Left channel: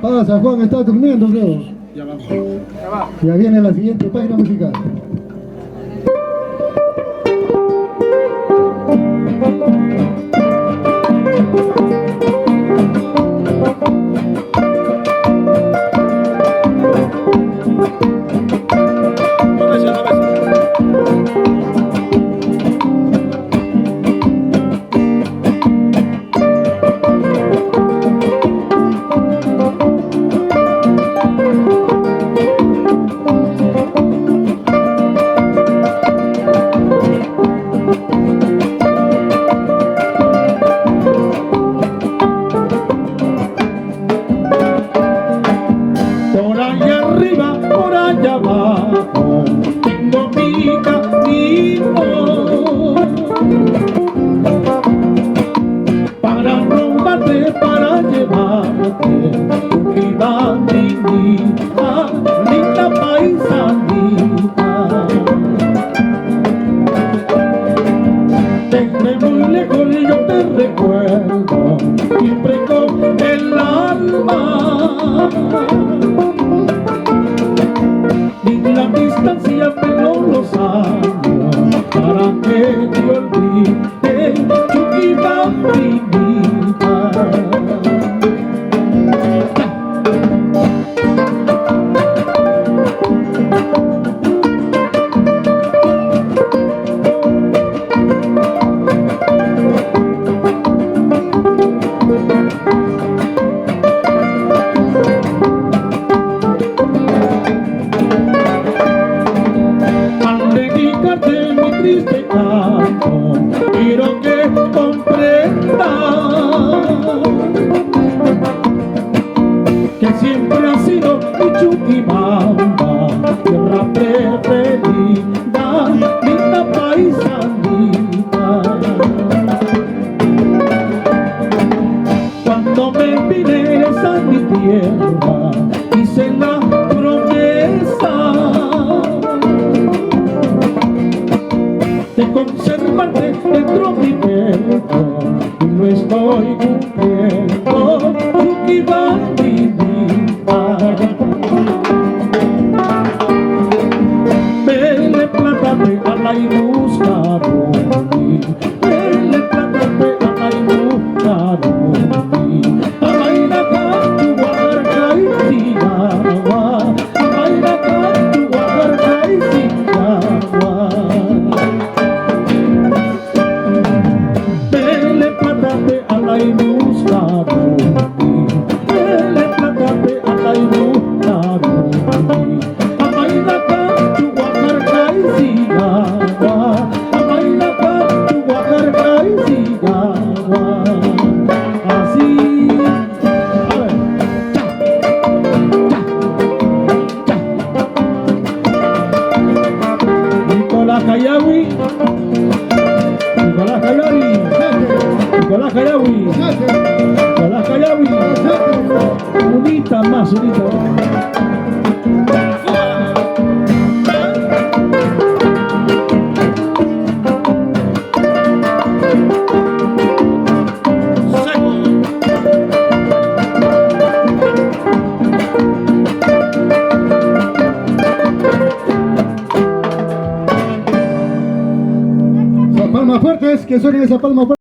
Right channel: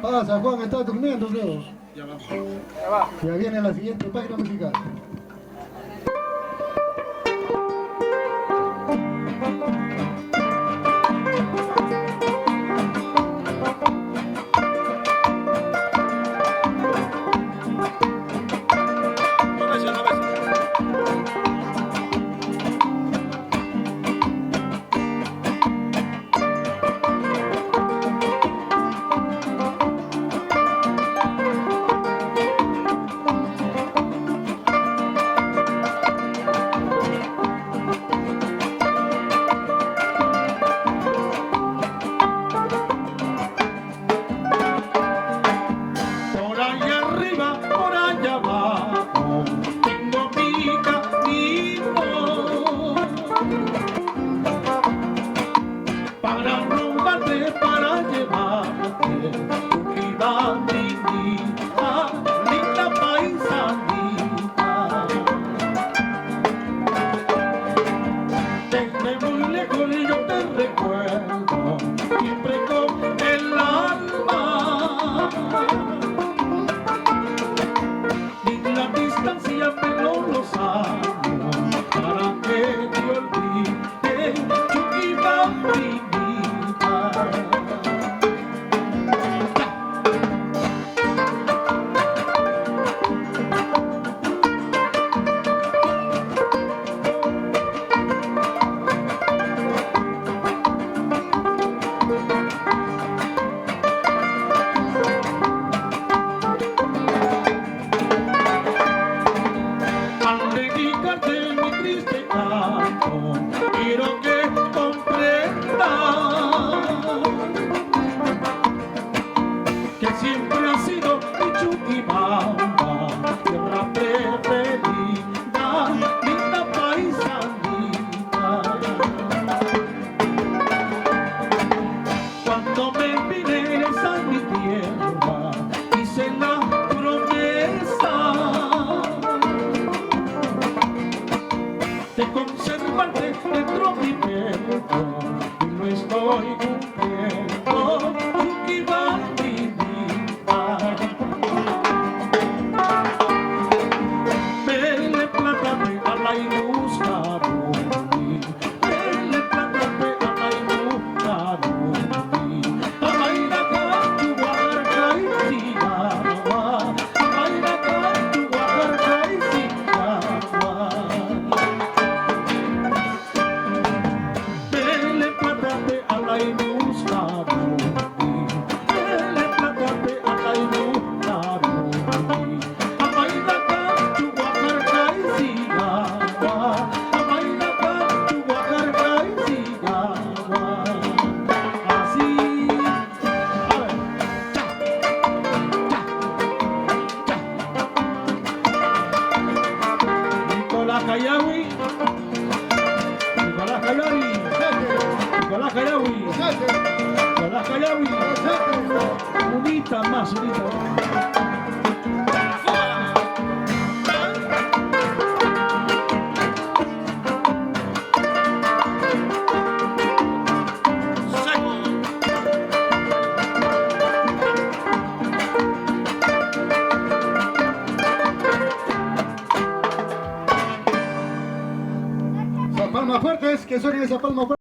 Pasa, Juan, está durmiendo, creo. Ya vamos. Ya va. Ya viene la siguiente página musical. Por allá arriba, por allá abajo, tengo mi camino para robarte, para llevarte tu vida divina, linda paisanita. Desde muy lejos yo te recuerdo, siempre con el alma. Ni la distancia pero los años para que te olvide Chuquibambinita. Al dedicarte mi triste canto, quiero que comprendas que siempre ha sido mi Chuquibamba, tierra preferida, linda paisanita. Cuando me vienes a mi tierra, hice la promesa de conservarte dentro de mi pecho, y lo estoy cumpliendo, Chuquibambinita. Vele, plátame a la y buscarme, vele, plátame a la y buscarme, a bailar con tu guarda y Sinagua, a bailar con tu guarda y Sinagua. Vele, plátame a la y buscarme, vele, plátame a la y buscarme, a bailar con tu guarda y Sinagua, a bailar con tu guarda y Sinagua. Así, a ver, cha, Nicolás Cayawi, Nicolás Cayawi, Nicolás Cayawi, Nicolás Cayawi, unita más, unita. Las palmas fuertes, que suenen esa palma fuerte.